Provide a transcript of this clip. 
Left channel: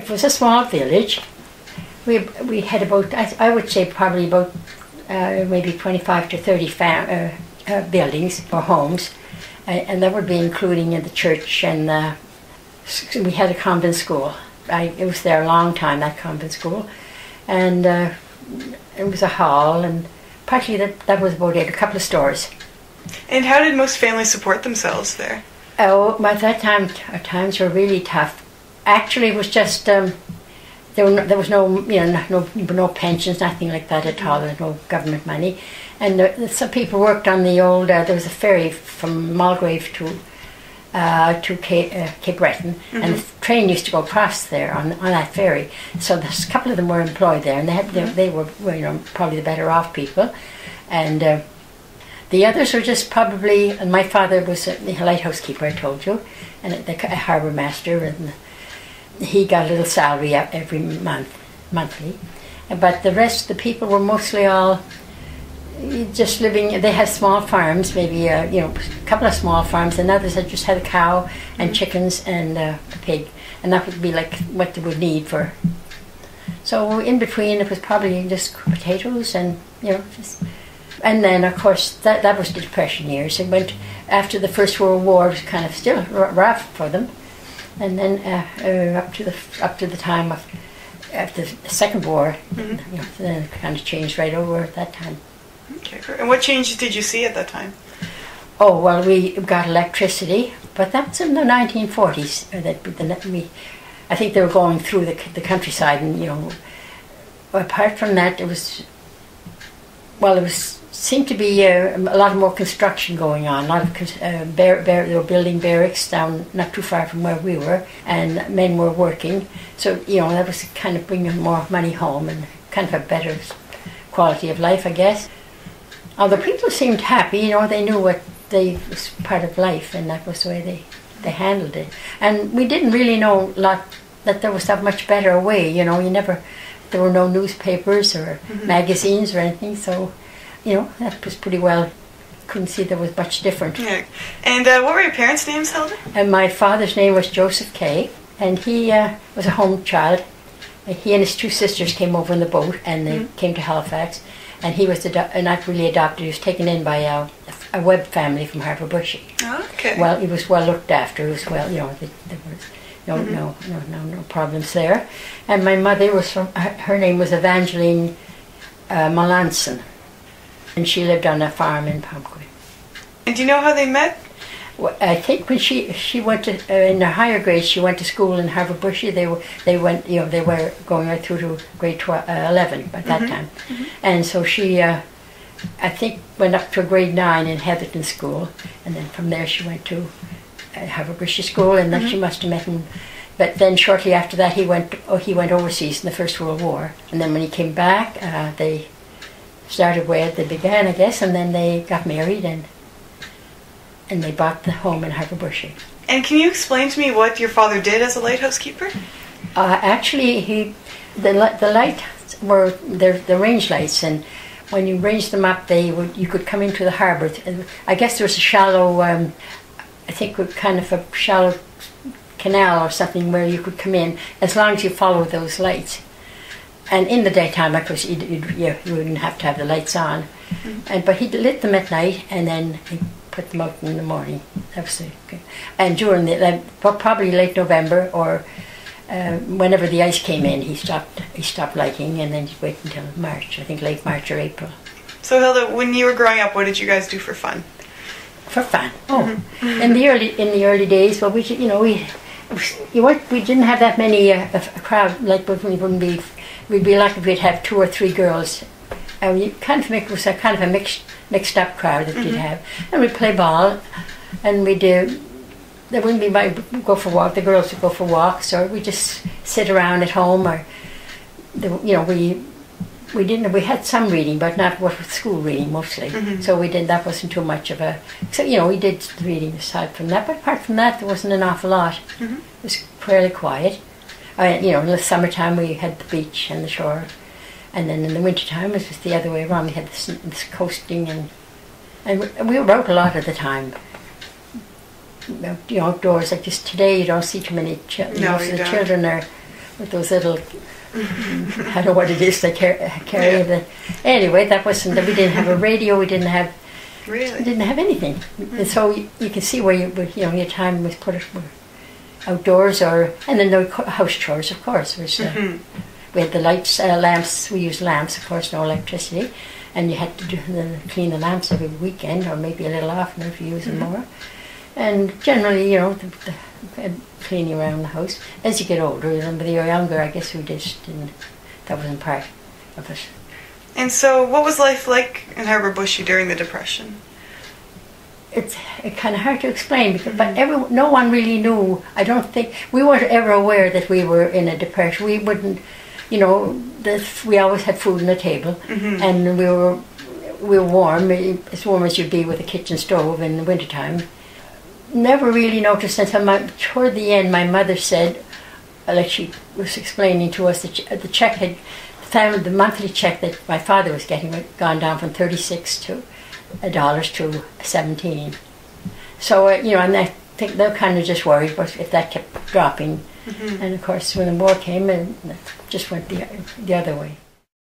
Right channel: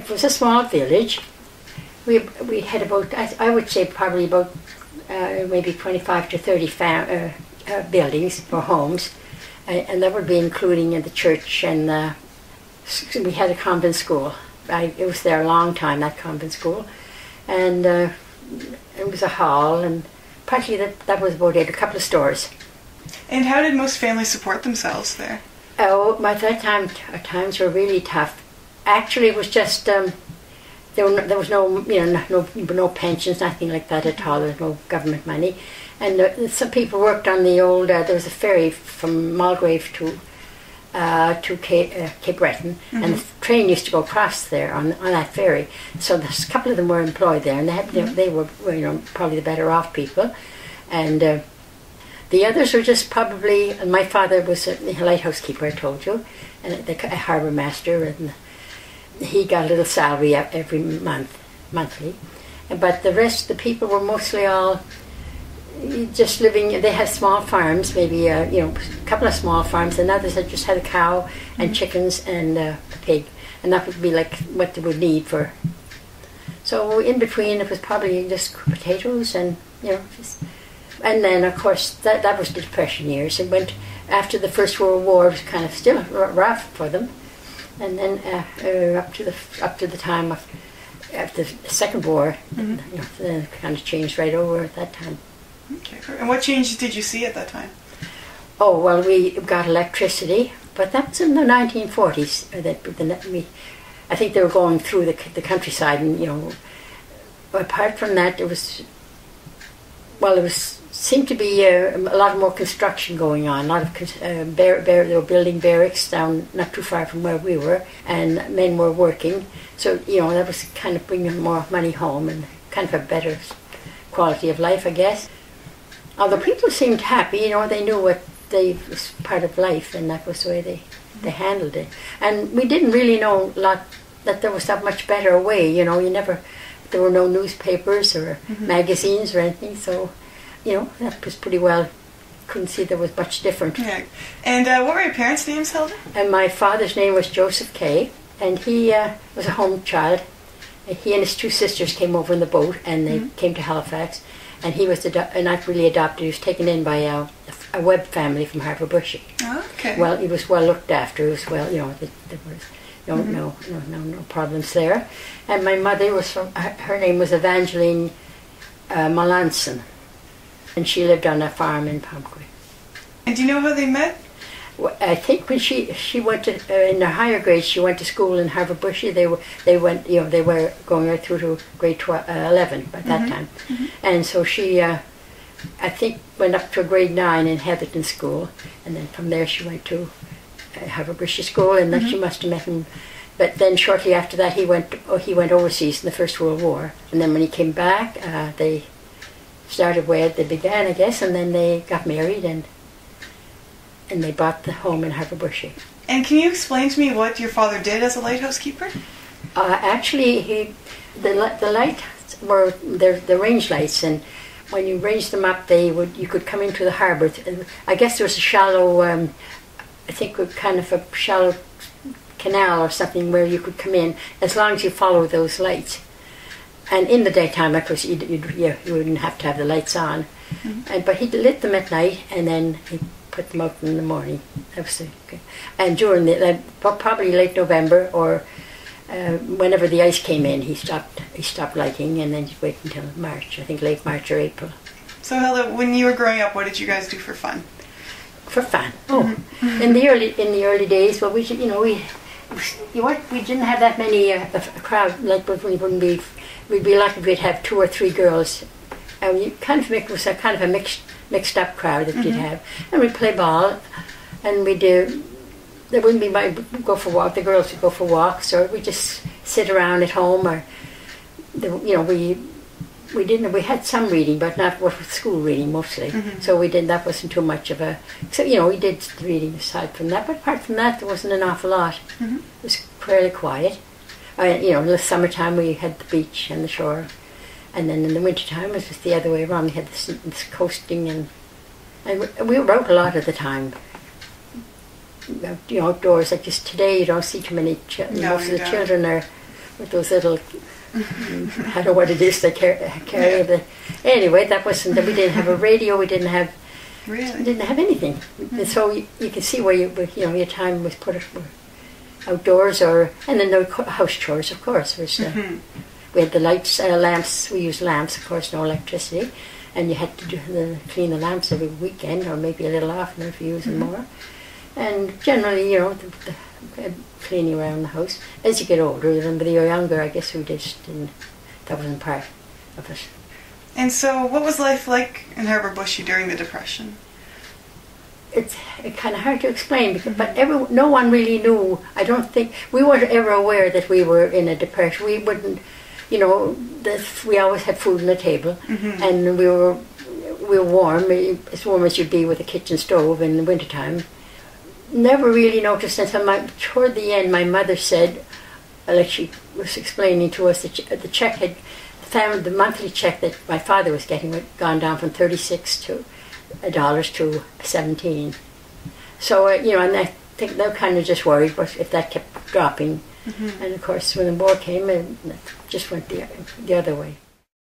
it was a small village. We had about, I would say probably about maybe 25 to 30 buildings or homes, and that would be including the church, and we had a convent school. It was there a long time, that convent school, and it was a hall, and partly that was about it, a couple of stores. And how did most families support themselves there? Oh, at that time, times were really tough. Actually, it was just there was no, no pensions, nothing like that at all. There was no government money, and some people worked on the old. There was a ferry from Mulgrave to Cape Breton, and the train used to go across there on that ferry. So a couple of them were employed there, and they were probably the better off people, and. The others were just probably, and my father was a lighthouse keeper, I told you, and a harbour master, and he got a little salary every monthly. But the rest of the people were mostly all just living. They had small farms, maybe a couple of small farms, and others had just had a cow and chickens and a pig, and that would be like what they would need for. So in between, it was probably just potatoes and just. And then, of course, that was the Depression years. It went after the First World War. It was kind of still rough for them, and then up to the time of after the Second War, then it kind of changed right over at that time. Okay. And what changes did you see at that time? Oh well, we got electricity, but that was in the 1940s. I think they were going through the countryside, and apart from that, it was. Well, it seemed to be a lot more construction going on. A lot of they were building barracks down not too far from where we were, and men were working. So that was kind of bringing more money home and kind of a better quality of life, I guess. Although people seemed happy, they knew what was part of life, and that was the way they handled it. And we didn't really know that there was that much better way. There were no newspapers or magazines or anything, so that was pretty well. Couldn't see there was much different. Yeah. And what were your parents' names, Hilda? And my father's name was Joseph Kay, and he was a home child. He and his two sisters came over in the boat, and they came to Halifax. And he was not really adopted. He was taken in by a Webb family from Havre Boucher. Oh, okay. Well, he was well looked after. He was well, there was. No problems there. And my mother was her name was Evangeline Melanson, and she lived on a farm in Pomquet. And do you know how they met? Well, I think when she went to in her higher grades, she went to school in Havre Boucher. They were going right through to grade 11 by that time, and so she I think went up to grade 9 in Heatherton School, and then from there she went to Havre Boucher School, and then she must have met him. But then shortly after that, he went overseas in the First World War, and then when he came back, they started where they began, I guess, and then they got married, and they bought the home in Havre Boucher. And can you explain to me what your father did as a lighthouse keeper? Actually, the lights were the range lights, and when you ranged them up, you could come into the harbour. I guess there was a shallow. I think kind of a shallow canal or something where you could come in as long as you followed those lights. And in the daytime, of course, you wouldn't have to have the lights on. But he lit them at night, and then he put them out in the morning. That was good. And during probably late November or whenever the ice came in, he stopped lighting, and then he'd wait until March. I think late March or April. So Hilda, when you were growing up, what did you guys do for fun? For fun. In the early days, well, we didn't have that many a crowd. Like we'd be lucky if we'd have 2 or 3 girls, and it was a kind of a mixed up crowd that you'd have, and we'd play ball, and there wouldn't be go for walk. The girls would go for walks, or we just sit around at home, or we had some reading, but not school reading mostly. So that wasn't too much of a. So we did reading aside from that, but apart from that, there wasn't an awful lot. It was fairly quiet. In the summertime we had the beach and the shore, and then in the wintertime it was the other way around. We had this coasting, and we wrote a lot at the time. Outdoors, like just today, you don't see too many. Most of the children are with those little, I don't know what it is they carry. The, anyway, that wasn't, we didn't have a radio, we didn't have, Really? we didn't have anything. And so you can see where your time was put outdoors, or, and then the house chores, of course. Was, we had the lights, lamps, we used lamps, of course, no electricity. And you had to clean the lamps every weekend, or maybe a little often if you use them more. And generally, the cleaning around the house. As you get older, when you're younger, I guess we just didn't, that wasn't part of it. And so what was life like in Havre Boucher during the Depression? It's kind of hard to explain, because, but no one really knew. I don't think, we weren't ever aware that we were in a depression. We wouldn't, we always had food on the table, and we were warm, as warm as you'd be with a kitchen stove in the wintertime. Never really noticed until toward the end, my mother said, like she was explaining to us, that the check had, the monthly check that my father was getting had gone down from $36 to 17. So, and I think they were kind of just worried if that kept dropping. And of course, when the war came, it just went the other way.